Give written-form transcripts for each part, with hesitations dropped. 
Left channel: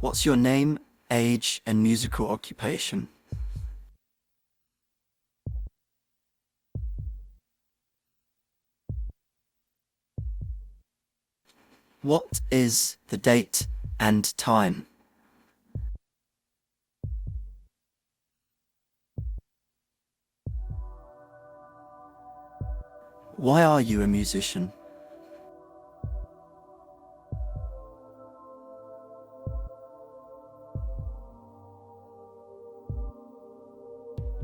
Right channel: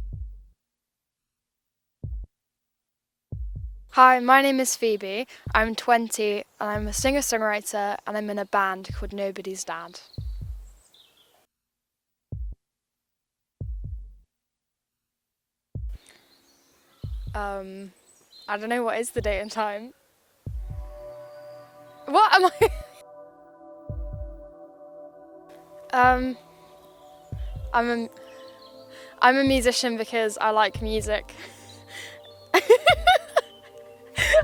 What's your name, age, and musical occupation? Hi, my name is Phoebe. I'm 20 and I'm a singer-songwriter and I'm in a band called Nobody's Dad. What is the date and time? Um, I don't know what is the date and time. What am I? Why are you a musician? um, I'm a I'm a musician because I like music. I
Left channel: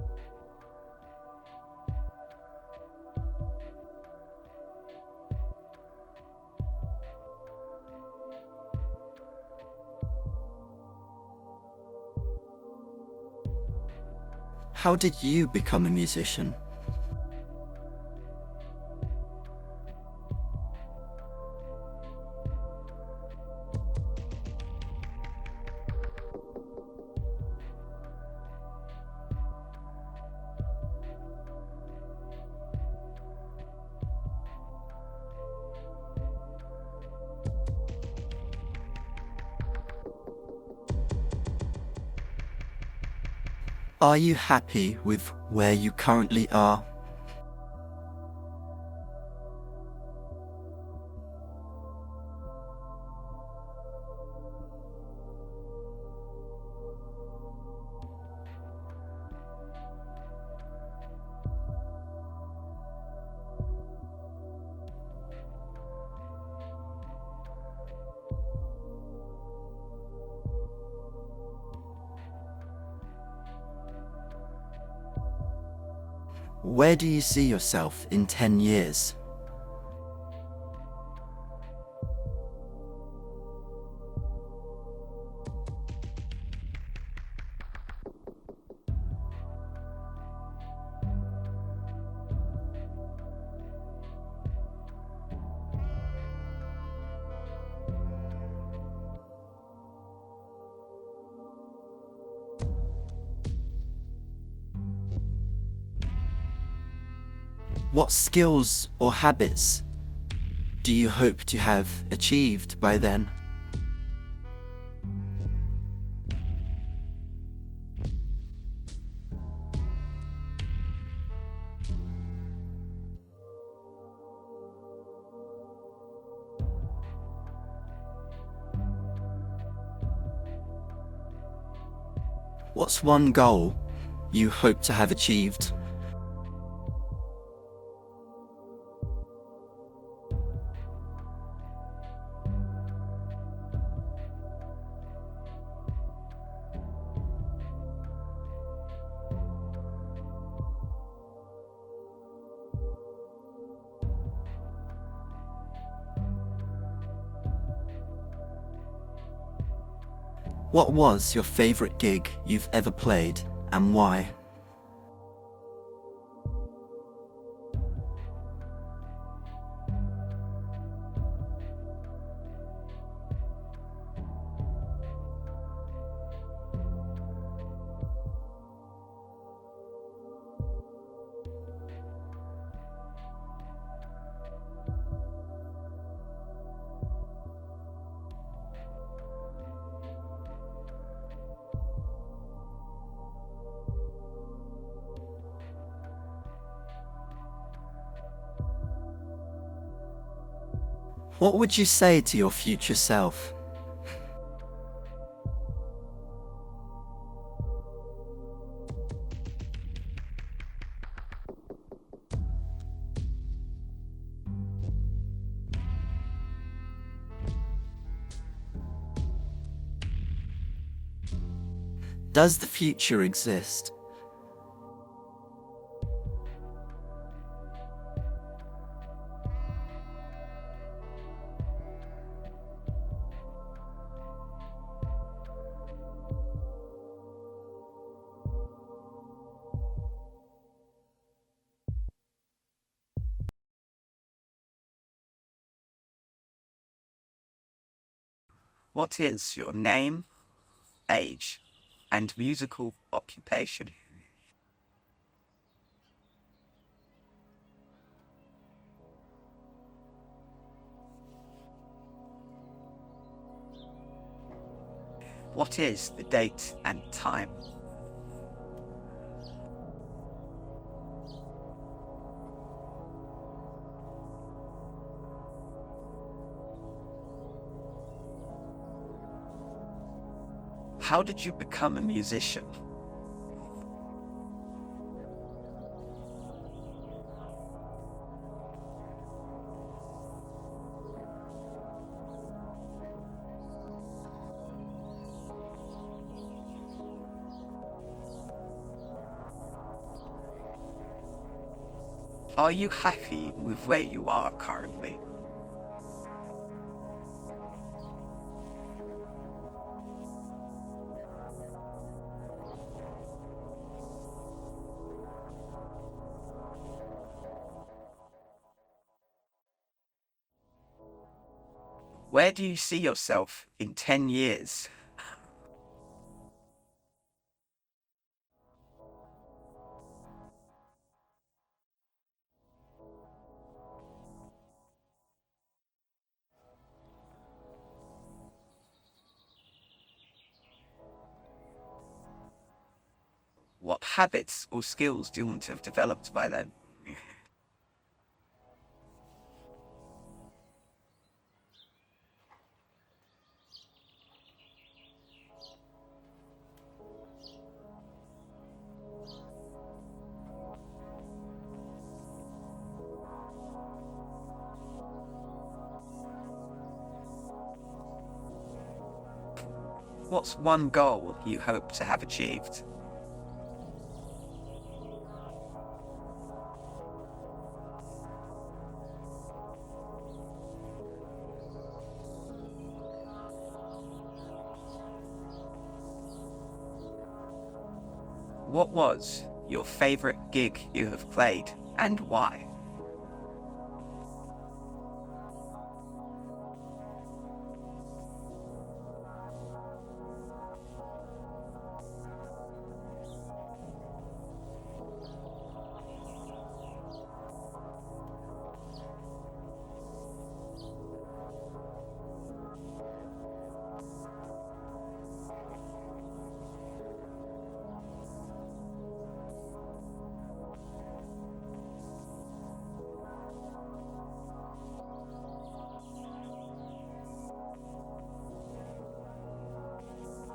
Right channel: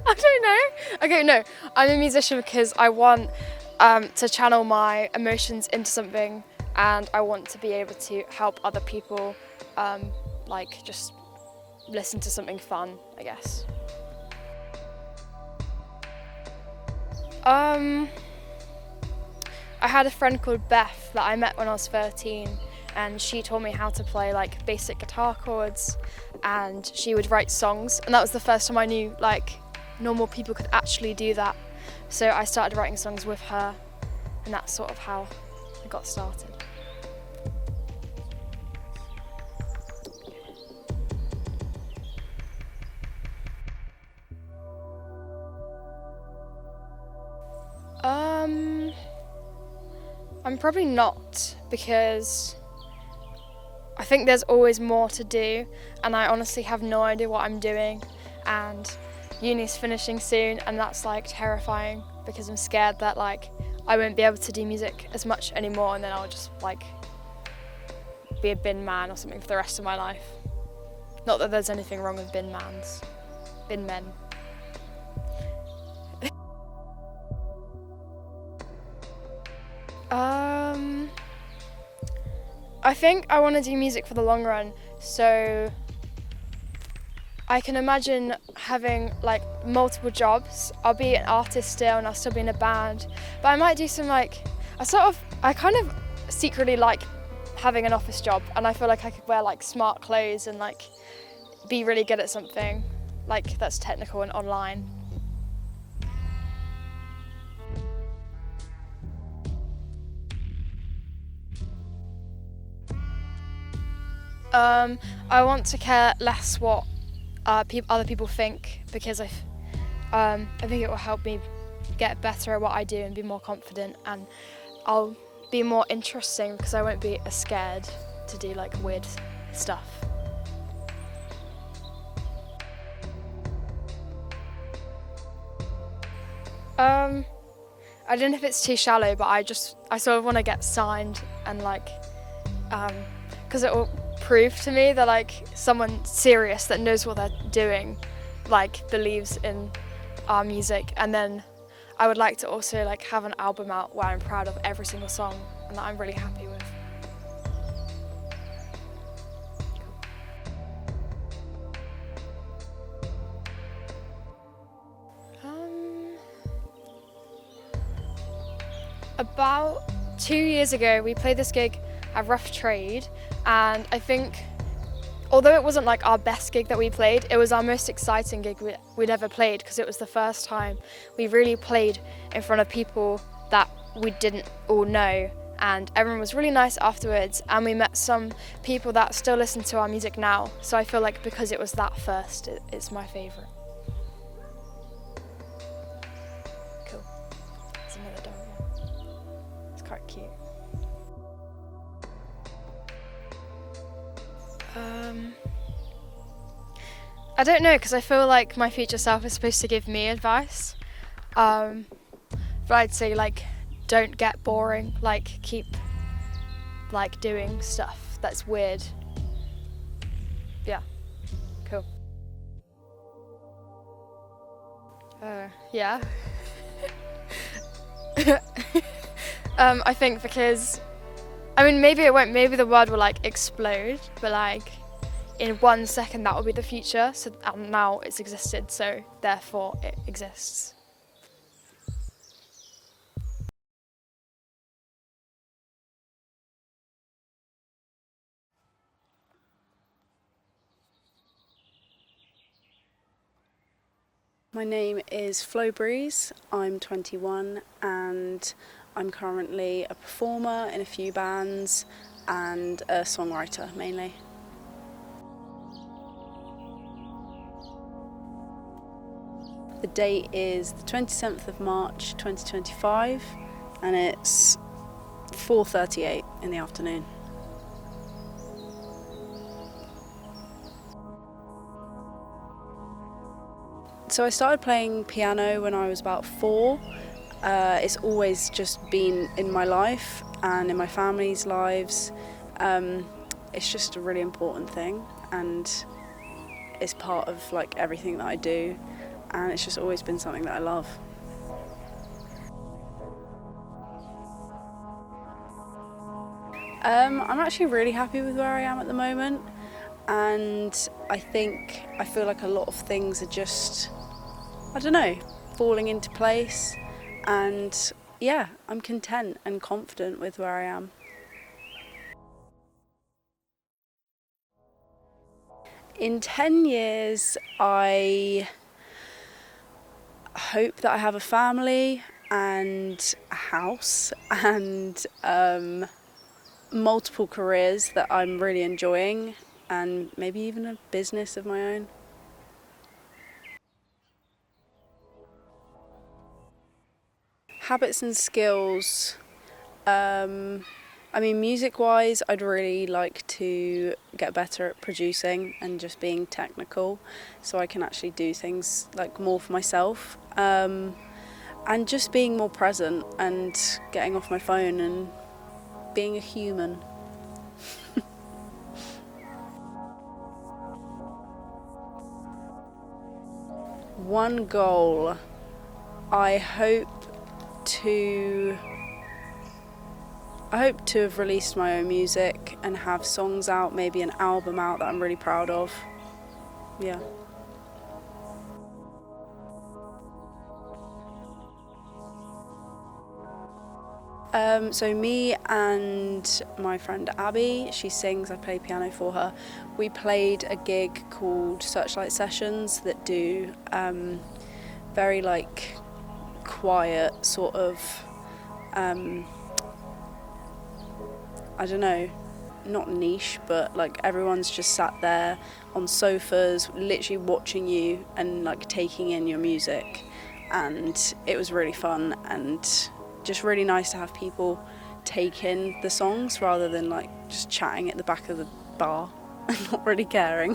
don't know. Okay, no, I'm a musician because I want to channel my emotions into something, and I want to be able to help other people, just listen to something fun, I guess. How did you become a musician? Um, I had a friend called Beth that I met when I was 13, and she taught me how to play like basic guitar chords, and she would write songs, and that was the first time I knew like normal people could actually do that. So I started writing songs with her, and that's sort of how I got started. Are you happy with where you currently are? Um, I'm probably not because I think there's always more to do, and I honestly have no idea what I'm doing. And uni's finishing soon, and that's like terrifying because I'm scared that like I won't be able to do music as much anymore, and then I'll just like be a bin man or something for the rest of my life. Not that there's anything wrong with bin men. Where do you see yourself in 10 years? Um, I think I want to do music for the long run, so I can imagine having like multiple jobs. I'll be an artist still and I'll still be in a band, but I might do some like, I kind of secretly like having an office job, and I feel like I could wear like smart clothes and like be really good at something like that's technical and online. What skills or habits do you hope to have achieved by then? I want to care less what other people think because I think it will help me get better at what I do and be more confident, and I'll be more interesting because I won't be as scared to do like weird stuff. What's one goal you hope to have achieved? Um, I don't know if it's too shallow, but I sort of want to get signed and like, because it will prove to me that like someone serious that knows what they're doing, like believes in our music, and then I would like to also like have an album out where I'm proud of every single song and that I'm really happy with. What was your favourite gig you've ever played and why? Um, about 2 years ago, we played this gig at Rough Trade, and I think although it wasn't like our best gig that we played, it was our most exciting gig we'd ever played because it was the first time we really played in front of people that we didn't all know, and everyone was really nice afterwards, and we met some people that still listen to our music now, so I feel like because it was that first, it's my favourite. Cool. There's another dog. It's quite cute. What would you say to your future self? Um, I don't know because I feel like my future self is supposed to give me advice. Um, but I'd say like don't get boring. Like keep like doing stuff that's weird. Yeah, cool. Does the future exist? Yeah. I think because I mean maybe it won't. Maybe the world will like explode, but like in 1 second that will be the future. So now it's existed, so therefore it exists. What is your name, age, and musical occupation? My name is Flo Breeze. I'm 21 and I'm currently a performer in a few bands and a songwriter mainly. What is the date and time? The date is the 27th of March 2025 and it's 4:38 in the afternoon. How did you become a musician? So I started playing piano when I was about 4. It's always just been in my life and in my family's lives. It's just a really important thing and it's part of like everything that I do, and it's just always been something that I love. Are you happy with where you are currently? I'm actually really happy with where I am at the moment, and I feel like a lot of things are just, I don't know, falling into place, and yeah, I'm content and confident with where I am. Where do you see yourself in 10 years? In 10 years, I hope that I have a family and a house and multiple careers that I'm really enjoying, and maybe even a business of my own. What habits or skills do you want to have developed by then? Habits and skills. I mean, music-wise, I'd really like to get better at producing and just being technical, so I can actually do things like more for myself. And just being more present and getting off my phone and being a human. What's one goal you hope to have achieved? One goal. I hope to have released my own music and have songs out, maybe an album out that I'm really proud of. Yeah. What was your favourite gig you have played and why? So me and my friend Abby, she sings, I play piano for her. We played a gig called Searchlight Sessions that do very like quiet sort of, I don't know, not niche, but like everyone's just sat there on sofas literally watching you and like taking in your music, and it was really fun and just really nice to have people take in the songs rather than like just chatting at the back of the bar and not really caring.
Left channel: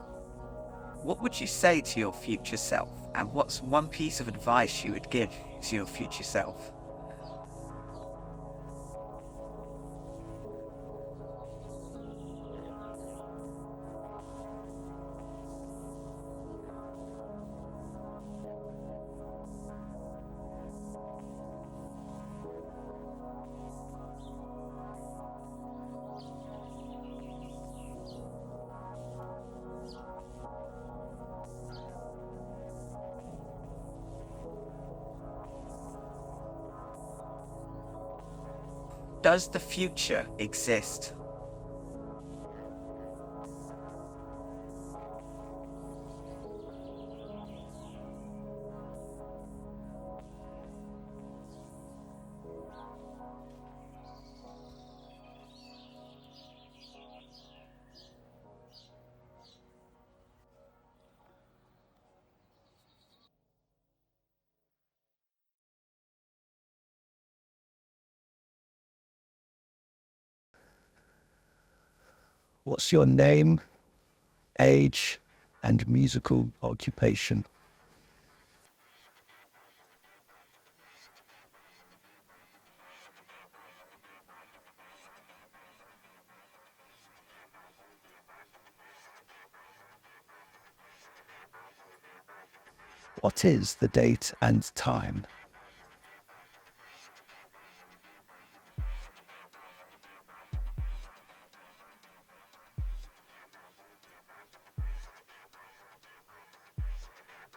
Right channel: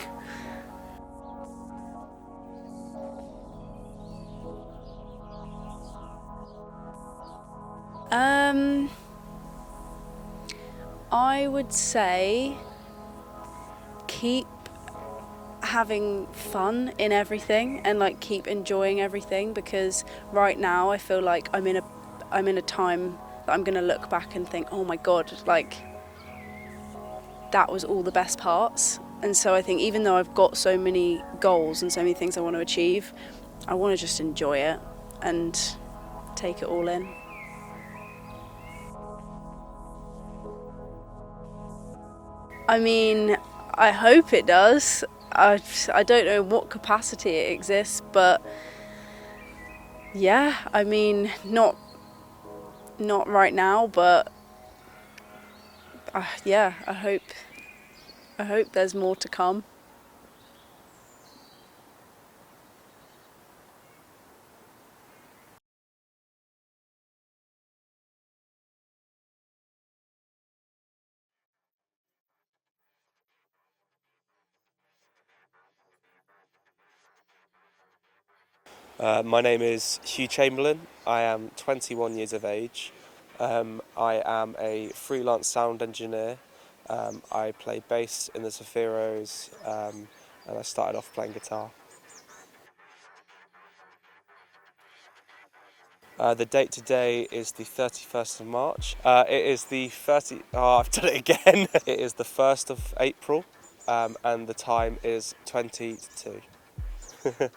What would you say to your future self, and what's one piece of advice you would give to your future self? I would say keep having fun in everything and like keep enjoying everything, because right now I feel like I'm in a time that I'm gonna look back and think, oh my god, like that was all the best parts. And so I think even though I've got so many goals and so many things I want to achieve, I want to just enjoy it and take it all in. Does the future exist? I mean, I hope it does. I don't know what capacity it exists, but yeah, I mean, not right now, but yeah, I hope there's more to come. What's your name, age, and musical occupation? My name is Hugh Chamberlain. I am 21 years of age. I am a freelance sound engineer. I play bass in the Sephiros, and I started off playing guitar. What is the date and time? The date today is the 31st of March. It is the 30... Oh, I've done it again. It is the 1st of April, and the time is 20 to 2.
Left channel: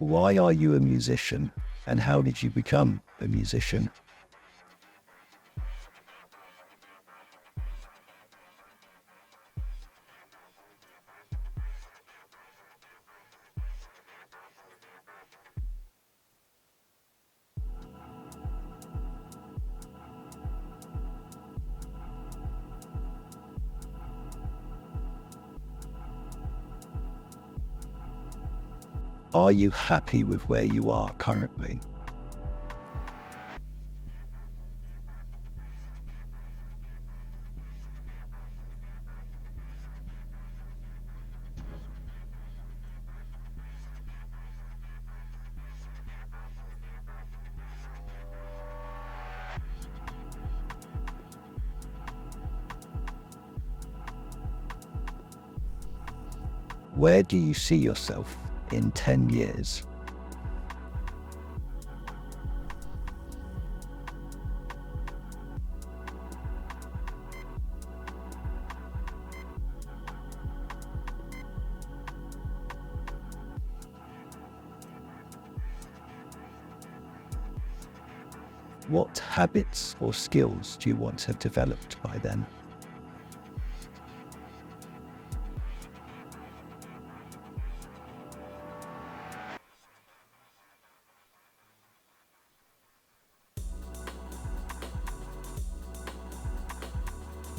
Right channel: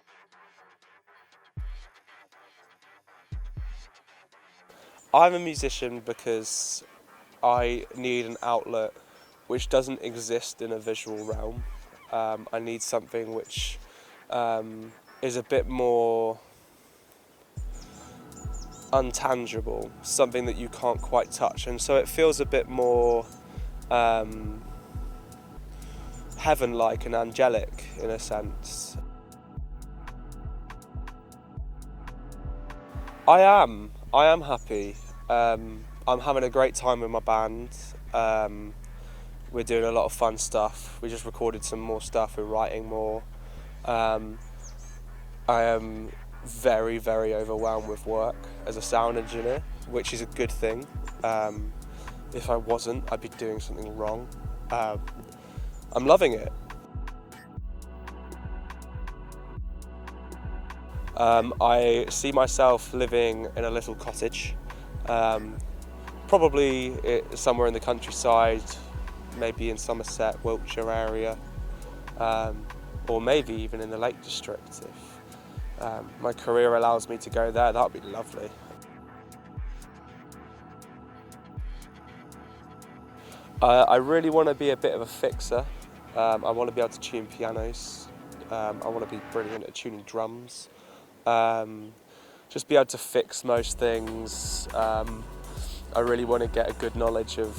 Why are you a musician, and how did you become a musician? I'm a musician because I need an outlet which doesn't exist in a visual realm. I need something which is a bit more untangible, something that you can't quite touch, and so it feels a bit more heaven-like and angelic in a sense. Are you happy with where you are currently? I am happy. I'm having a great time with my band. We're doing a lot of fun stuff. We just recorded some more stuff, we're writing more. I am very, very overwhelmed with work as a sound engineer, which is a good thing. If I wasn't, I'd be doing something wrong. I'm loving it. Where do you see yourself in 10 years? I see myself living in a little cottage, probably somewhere in the countryside, maybe in Somerset, Wiltshire area, or maybe even in the Lake District. If my career allows me to go there, that would be lovely. What habits or skills do you want to have developed by then? I really want to be a bit of a fixer. I want to be able to tune pianos. I want to be brilliant at tuning drums. Just be able to fix most things. I really want to get a good knowledge of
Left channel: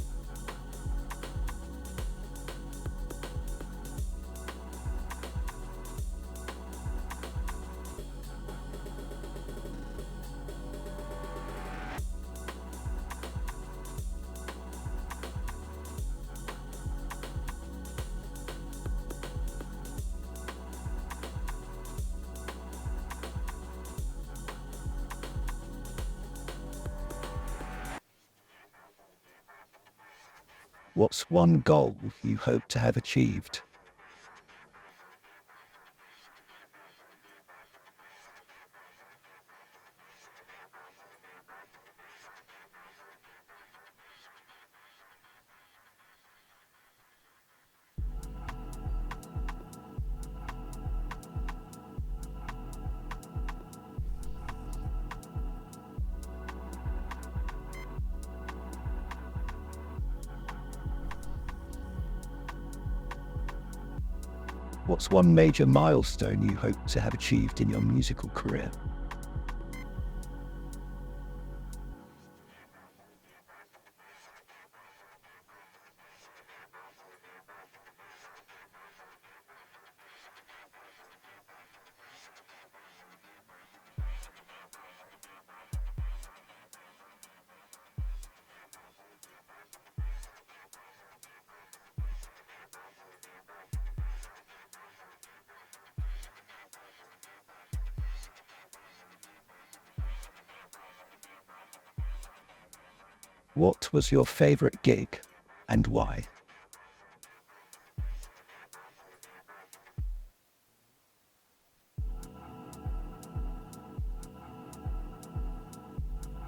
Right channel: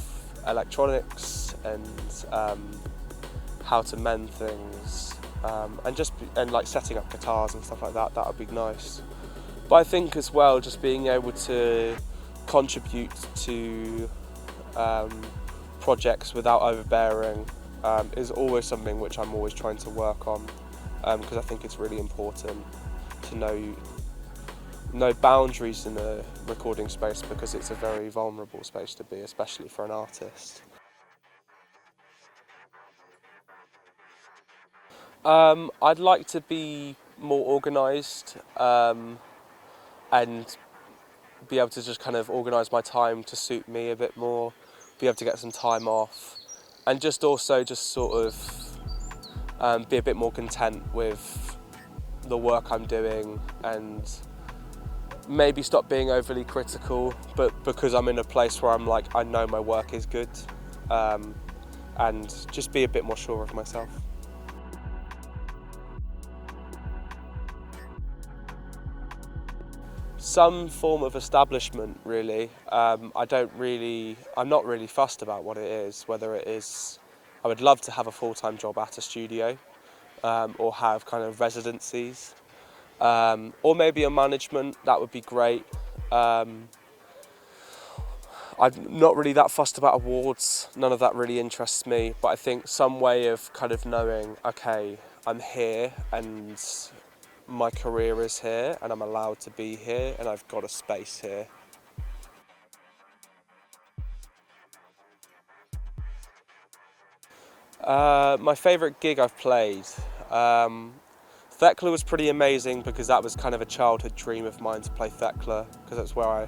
electronics and how to mend things, and like setting up guitars and stuff like that. That would be nice. But I think as well, just being able to contribute to projects without overbearing is always something which I'm always trying to work on, because I think it's really important to know boundaries in a recording space, because it's a very vulnerable space to be, especially for an artist. What's one goal you hope to have achieved? I'd like to be more organised and be able to just kind of organise my time to suit me a bit more, be able to get some time off, and just also just sort of be a bit more content with the work I'm doing, and maybe stop being overly critical, but because I'm in a place where I'm like, I know my work is good, and just be a bit more sure of myself. What's one major milestone you hope to have achieved in your musical career? Some form of establishment, really. I'm not really fussed about what it is, whether it is, I would love to have a full-time job at a studio, or have kind of residencies, or maybe a management, that would be great. I'm not really that fussed about awards, none of that really interests me, but I think some way of kind of knowing, okay, I'm here and my career is here and I'm allowed to be here and I've got a space here. What was your favourite gig and why? My favourite gig I've played, Thekla was pretty amazing, because that was kind of a childhood dream of mine to play Thekla, because that's where I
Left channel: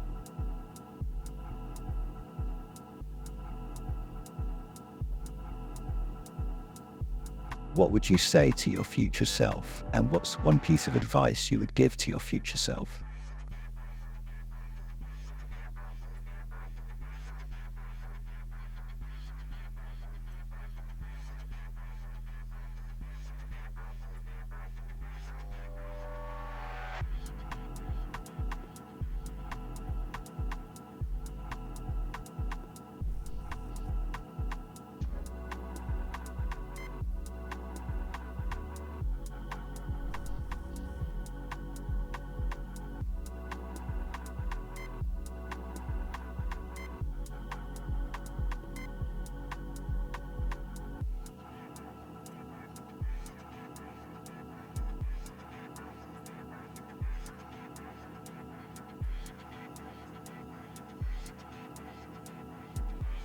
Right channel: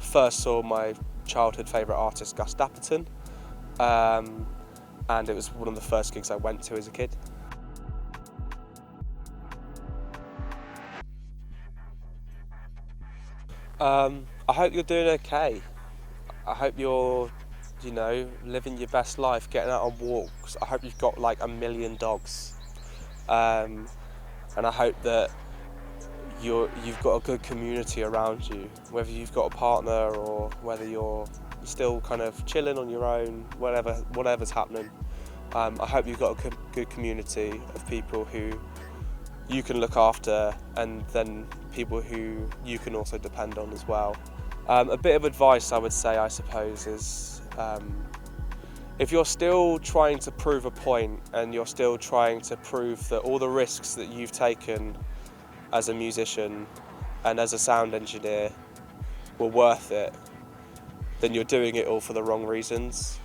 first saw my childhood favourite artist, Gus Dapperton, and it was one of the first gigs I went to as a kid. What would you say to your future self? And what's one piece of advice you would give to your future self? I hope you're doing okay. I hope you're, living your best life, getting out on walks. I hope you've got like 1 million dogs. And I hope that you've got a good community around you, whether you've got a partner or whether you're still kind of chilling on your own, whatever's happening. I hope you've got a good community of people who you can look after, and then people who you can also depend on as well. A bit of advice I would say, I suppose, is if you're still trying to prove a point and you're still trying to prove that all the risks that you've taken as a musician and as a sound engineer were worth it, then you're doing it all for the wrong reasons.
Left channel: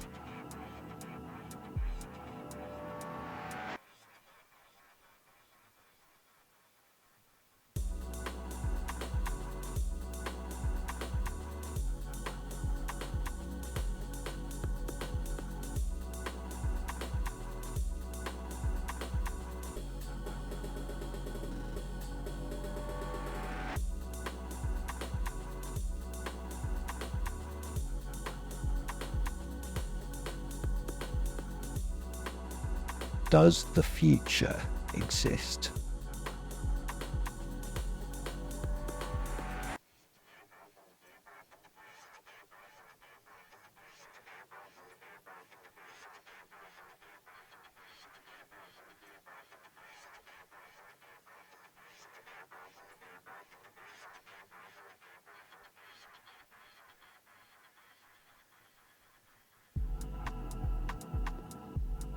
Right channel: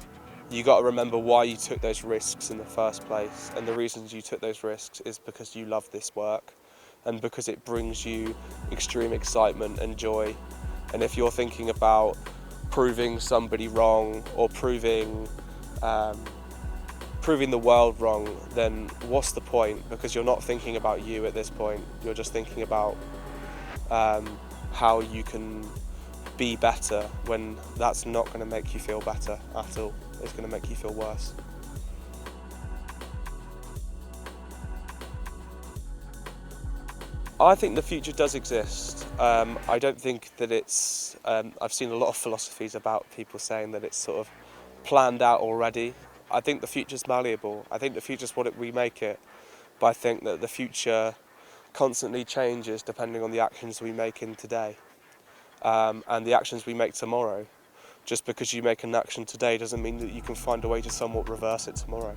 You got to remember why you took those risks in the first place, and the reasons you took those risks is because you love this work and because it brings you extreme excitement and joy. And if you're thinking about proving somebody wrong or proving the world wrong, then what's the point? Because you're not thinking about you at this point. You're just thinking about how you can be better, when that's not going to make you feel better at all. It's going to make you feel worse. Does the future exist? I think the future does exist. I don't think that it's... I've seen a lot of philosophies about people saying that it's sort of planned out already. I think the future's malleable. I think the future's we make it. But I think that the future constantly changes depending on the actions we make in today, and the actions we make tomorrow. Just because you make an action today doesn't mean that you can find a way to somewhat reverse it tomorrow.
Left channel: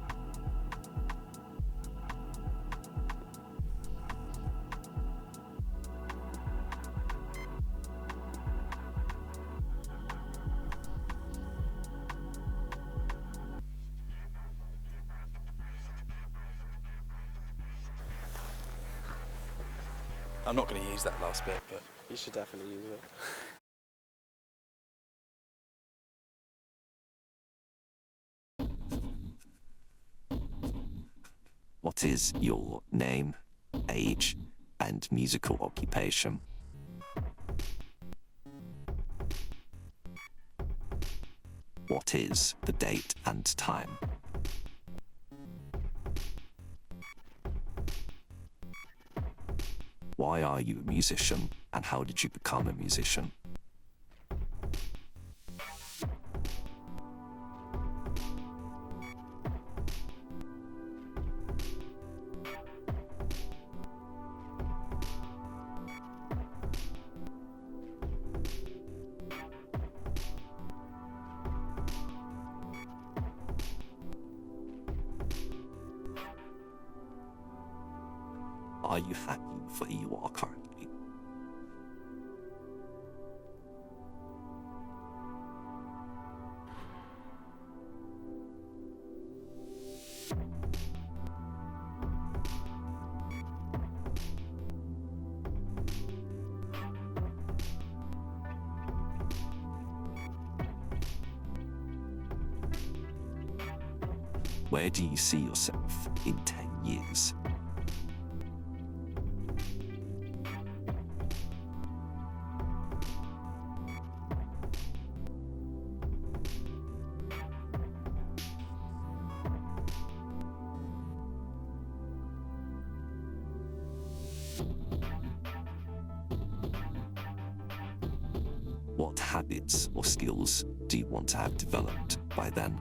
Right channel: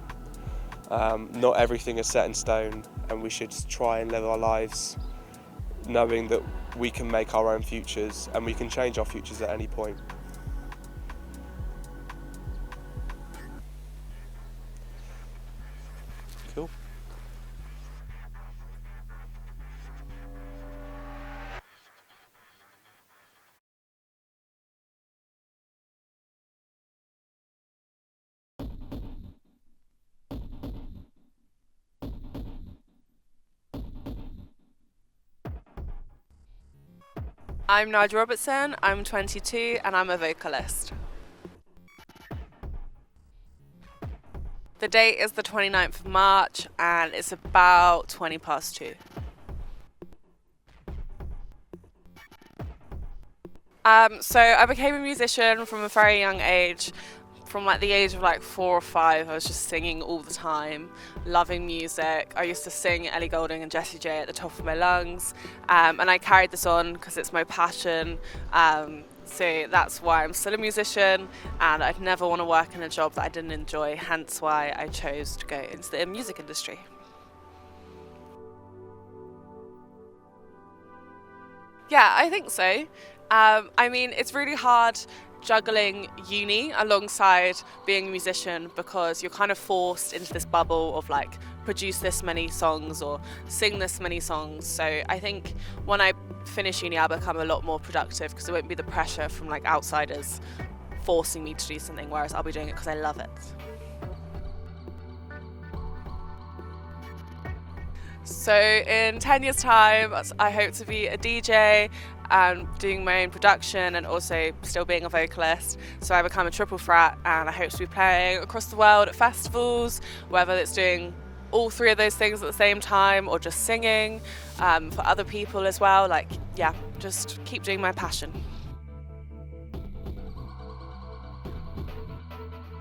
Not everything is set in stone, and we should try and live our lives knowing that we can make our own futures and we can change our futures at any point. Cool. I'm not going to use that last bit, but You should definitely use it. What is your name, age, and musical occupation? I'm Nigel Robertson, I'm 22 and I'm a vocalist. What is the date and time? The date is the 29th of March and it's about 20 past 2. Why are you a musician, and how did you become a musician? So I became a musician from a very young age. From like the age of like 4 or 5, I was just singing all the time, loving music. I used to sing Ellie Goulding and Jessie J at the top of my lungs, and I carried this on because it's my passion. So that's why I'm still a musician, and I'd never want to work in a job that I didn't enjoy, hence why I chose to go into the music industry. Are you happy for where you are currently? Yeah, I think so. I mean, it's really hard juggling uni alongside being a musician because you're kind of forced into this bubble of like produce this many songs or sing this many songs. So I think when I finish uni I'll become a lot more productive because there won't be the pressure from like outsiders forcing me to do something, whereas I'll be doing it because I love it. Where do you see yourself in 10 years? So in 10 years time I hope to be a DJ and doing my own production and also still being a vocalist. So I become a triple threat and I hope to be playing across the world at festivals, whether it's doing all 3 of those things at the same time or just singing for other people as well. Like, yeah, just keep doing my passion. What habits or skills do you want to have developed by then?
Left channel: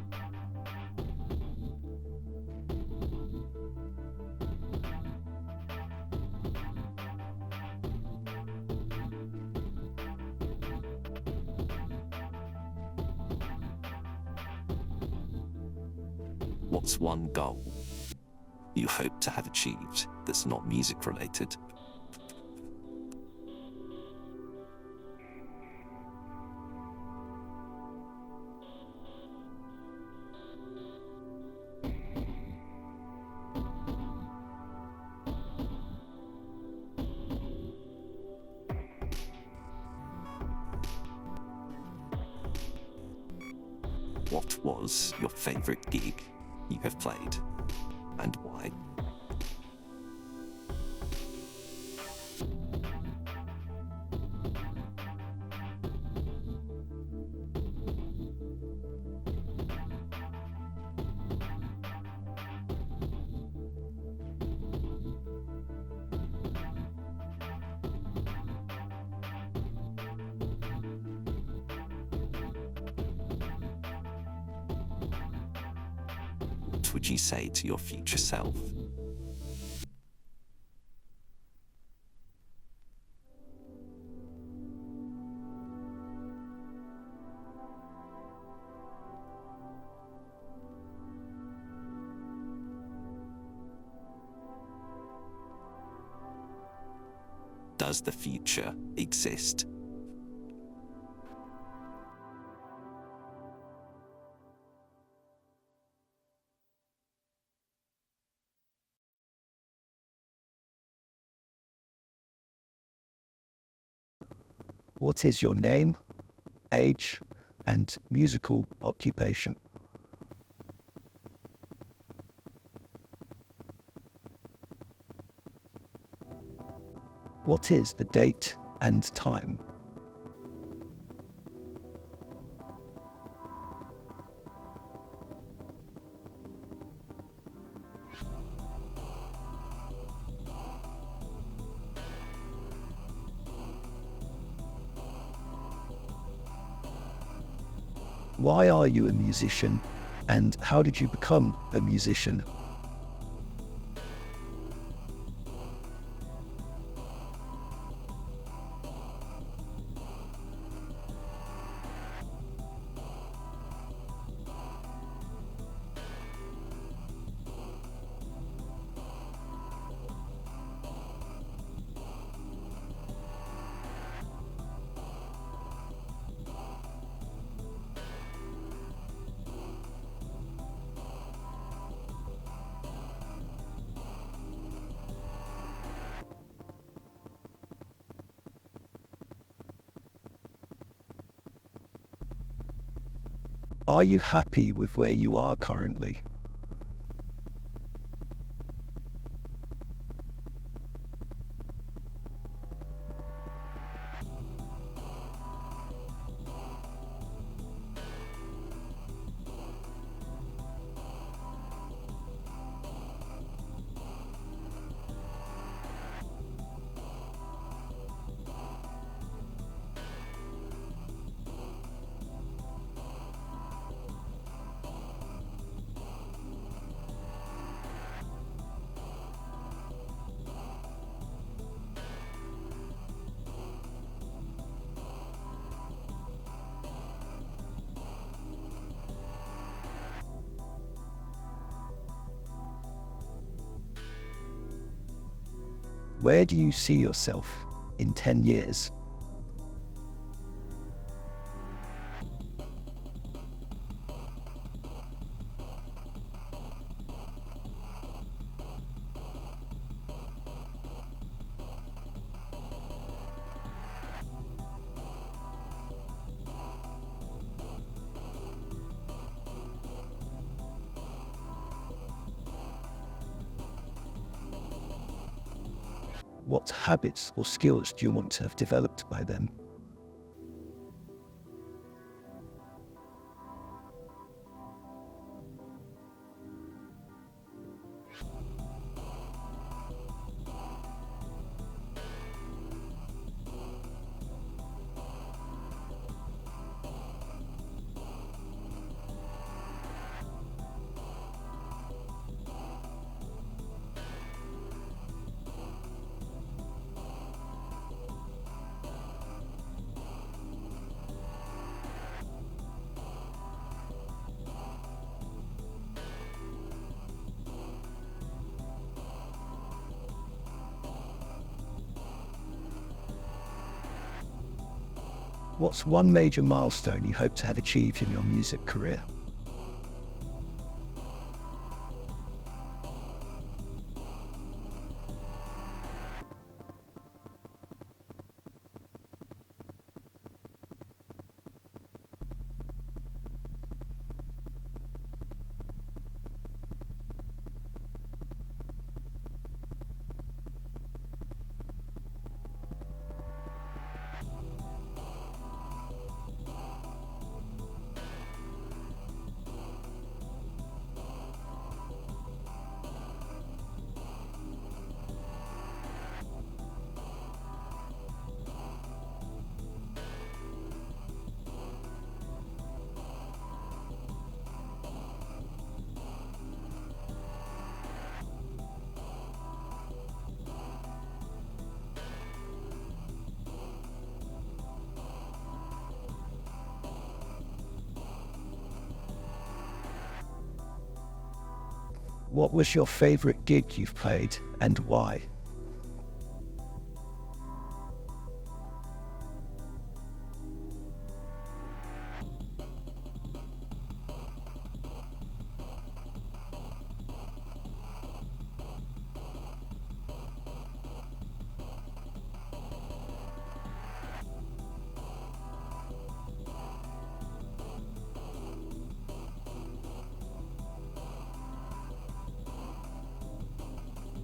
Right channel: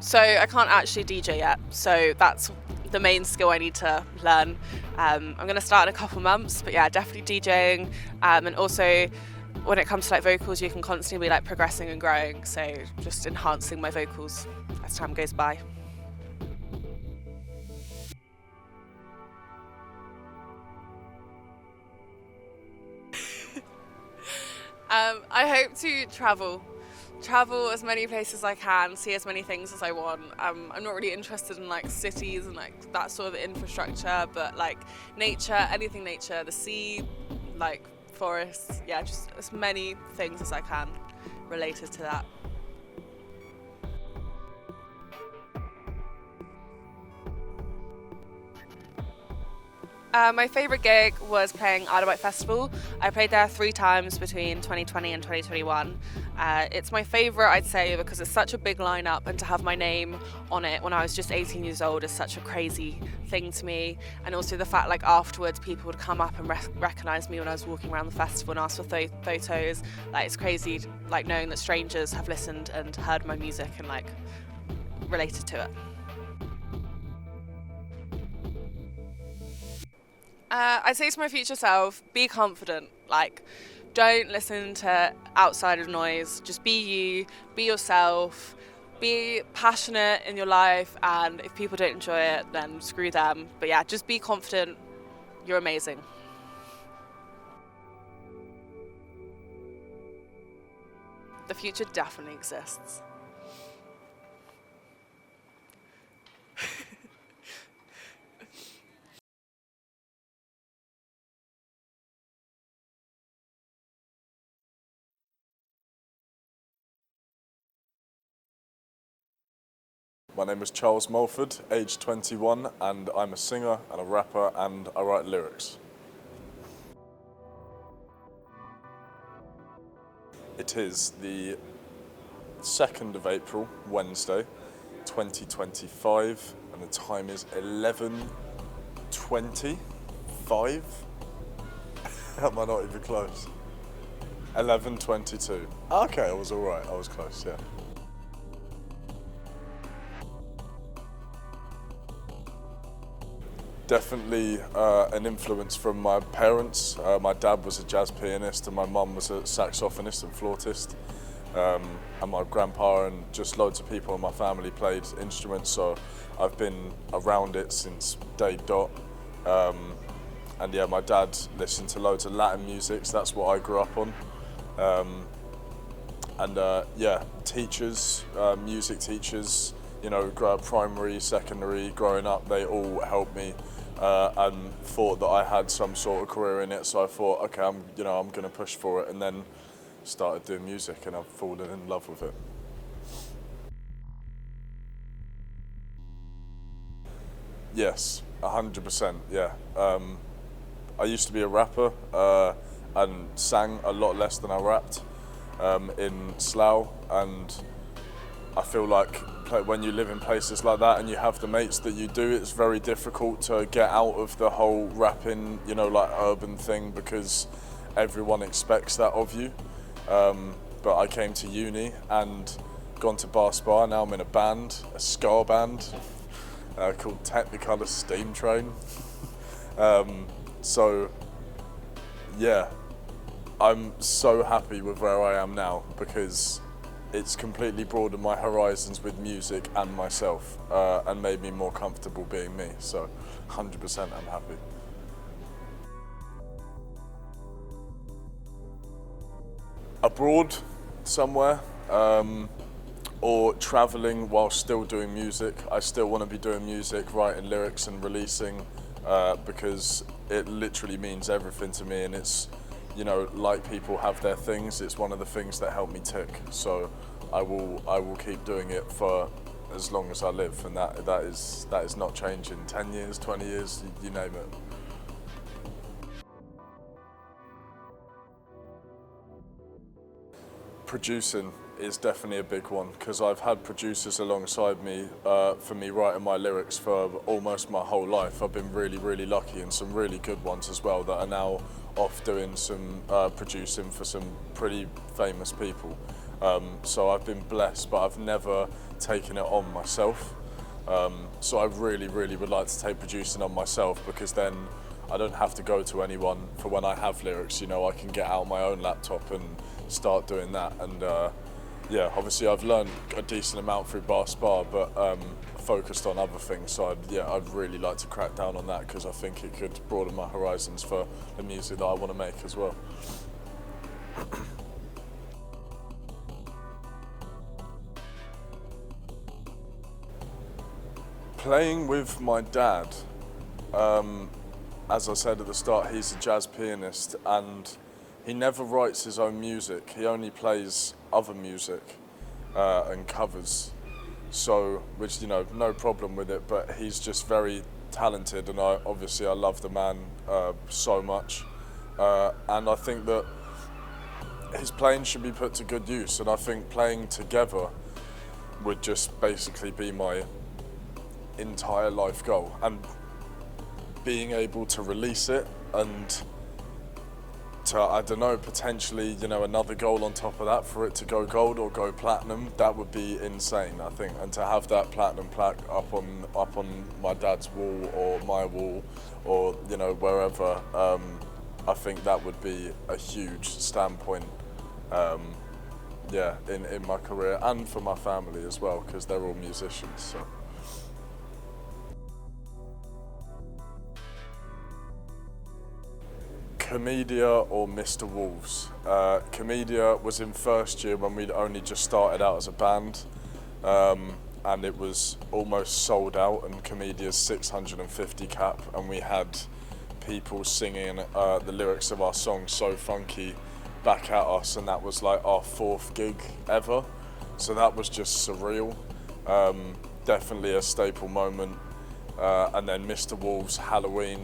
So I can't actually DJ yet, so that's the main skill I need to learn. I'm going to start in a couple months, but yeah, definitely DJing. And also, when it comes to like vocals, you can constantly be like progressing and growing. So just enhancing my vocals as time goes by. What's one goal you hope to have achieved that's not music related? I hope to travel as many places as I can, see as many things as I want. I'm not really interested in like cities and like that sort of infrastructure, but like nature, anything nature, the sea, like forests, yeah, just as many things as I can related to that. What was your favourite gig you have played, and why? My favourite gig was playing Isle of Wight Festival. I played there 3 times between 2020 and 2021. It's my favourite, I'd say, because it's such a big lineup, and to have my name on it when I was just 18 years old is such a crazy thing to me. And also the fact like afterwards people would come up and recognise me when I was walking around the festival and ask for photos. Like, it's crazy like knowing that strangers have listened and heard my music and like related to it. What would you say to your future self? I'd say to my future self, be confident. Like, don't listen to outside noise. Just be you, be yourself, be passionate in your life, and if people don't enjoy it, then screw them. But yeah, just be confident. You're amazing. Does the future exist? The future definitely exists. What is your name, age, and musical occupation? My name is Charles Mulford, aged 21, and I'm a singer and a rapper, and I write lyrics. What is the date and time? It is the 2nd of April, Wednesday, 2025, and the time is 11:25. Am I not even close? 11:22. Okay, I was all right. I was close, yeah. Why are you a musician, And how did you become a musician? Definitely an influence from my parents. My dad was a jazz pianist and my mum was a saxophonist and flautist. And my grandpa and just loads of people in my family played instruments, so I've been around it since day dot. And yeah, my dad listened to loads of Latin music, so that's what I grew up on. Yeah, teachers, music teachers, you know, primary, secondary, growing up, they all helped me and thought that I had some sort of career in it. So I thought, okay, I'm going to push for it, and then started doing music, and I've fallen in love with it. Are you happy with where you are currently? Yes, 100%. Yeah. I used to be a rapper and sang a lot less than I rapped in Slough, and I feel like when you live in places like that and you have the mates that you do, it's very difficult to get out of the whole rapping, you know, like urban thing, because everyone expects that of you. But I came to uni and gone to Bar Spa. Now I'm in a band, a ska band called Technicolor Steam Train. So yeah, I'm so happy with where I am now, because it's completely broadened my horizons with music and myself, and made me more comfortable being me. So 100% I'm happy. Where do you see yourself in 10 years? Abroad somewhere, or traveling while still doing music. I still want to be doing music, writing lyrics and releasing, because it literally means everything to me, and it's, you know, like people have their things, it's one of the things that help me tick. So I will keep doing it for as long as I live, and that is not changing. 10 years, 20 years, you name it. What habits or skills do you want to have developed by then? Producing is definitely a big one, because I've had producers alongside me for me writing my lyrics for almost my whole life. I've been really, really lucky, and some really good ones as well that are now off doing some producing for some pretty famous people. So I've been blessed, but I've never taken it on myself. So I really, really would like to take producing on myself, because then I don't have to go to anyone for when I have lyrics. You know, I can get out my own laptop and start doing that. And yeah, obviously I've learned a decent amount through Bar Spa, but focused on other things. So I'd really like to crack down on that, because I think it could broaden my horizons for the music that I want to make as well. What's one major milestone you hope to have achieved in your music career? Playing with my dad. As I said at the start, he's a jazz pianist, and he never writes his own music. He only plays other music and covers. So, which, you know, no problem with it, but he's just very talented, and I love the man so much. And I think that his playing should be put to good use, and I think playing together would just basically be my entire life goal. And being able to release it, and to, I don't know, potentially, you know, another goal on top of that for it to go gold or go platinum, that would be insane, I think. And to have that platinum plaque up on my dad's wall or my wall, or, you know, wherever, I think that would be a huge standpoint, yeah, in my career, and for my family as well, because they're all musicians. So. What was your favourite gig you've played, and why? Comedia or Mr. Wolves. Comedia was in first year when we'd only just started out as a band, and it was almost sold out, and Comedia's 650 cap, and we had people singing the lyrics of our song So Funky back at us, and that was like our 4th gig ever, so that was just surreal. Definitely a staple moment. And then Mr. Wolves Halloween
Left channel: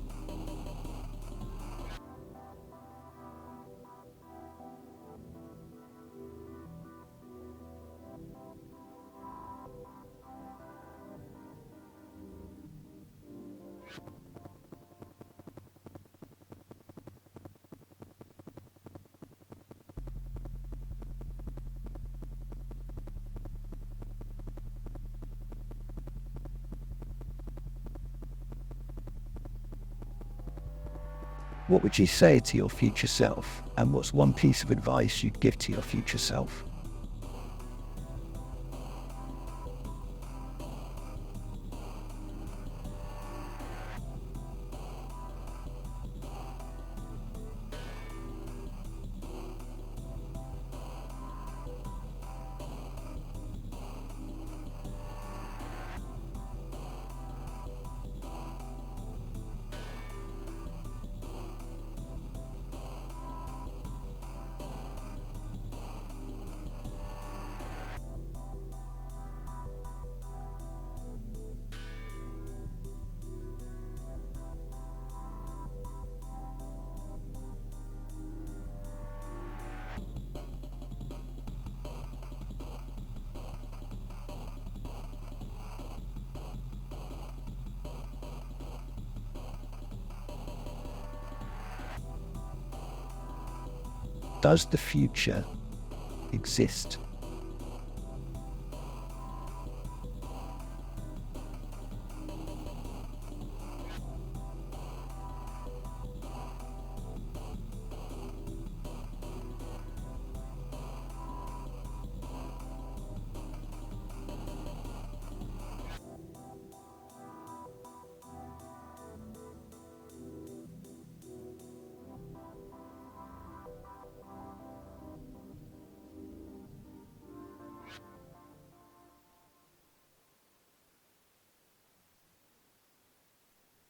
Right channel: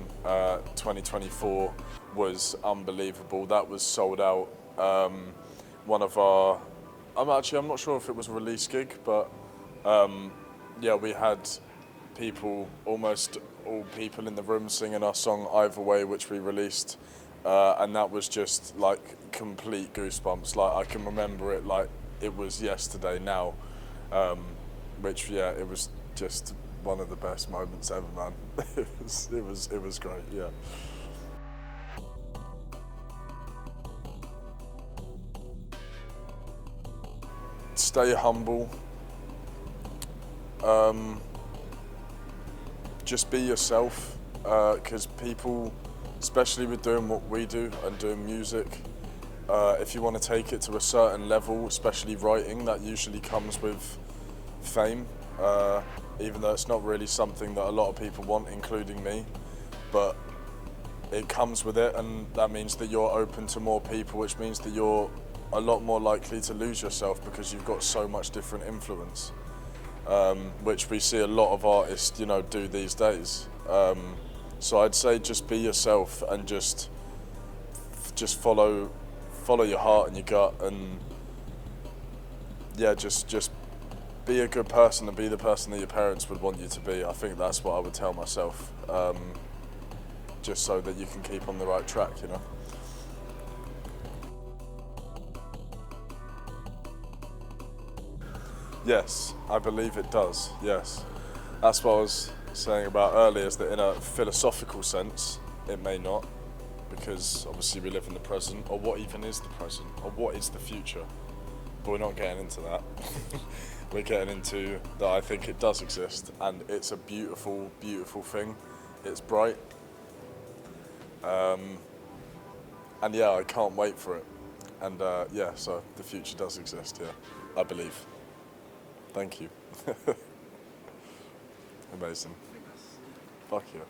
2024 was unbelievable. That was sold out. One of our, I'm not sure if it was a release gig, but yeah, we had people, almost all people in the room singing our song Either Way, which we released, and that was just like complete goosebumps. Like, I can remember it like it was yesterday now. which it was just one of the best moments ever, man. it was great, yeah. What would you say to your future self? And what's one piece of advice you'd give to your future self? Stay humble. Just be yourself, because people, especially with doing what we do and doing music, if you want to take it to a certain level, especially writing, that usually comes with fame, even though it's not really something that a lot of people want, including me, but it comes with it, and that means that you're open to more people, which means that you're a lot more likely to lose yourself because you've got so much different influence, which we see a lot of artists, do these days. So I'd say just be yourself and just follow your heart and your gut, and just be a good person and be the person that your parents would want you to be. I think that's what I would tell myself, just so that you can keep on the right track, Does the future exist? Yes, I believe it does, yes. That's what I was saying about earlier, is that in a philosophical sense, it may not, because obviously we live in the present, or what even is the present, or what is the future? But we're not getting into that. We're getting into that I think it does exist, and it's a beautiful, beautiful thing. It's bright. And I can't wait for it. And so the future does exist, I believe. Thank you. Amazing. Fuck yeah.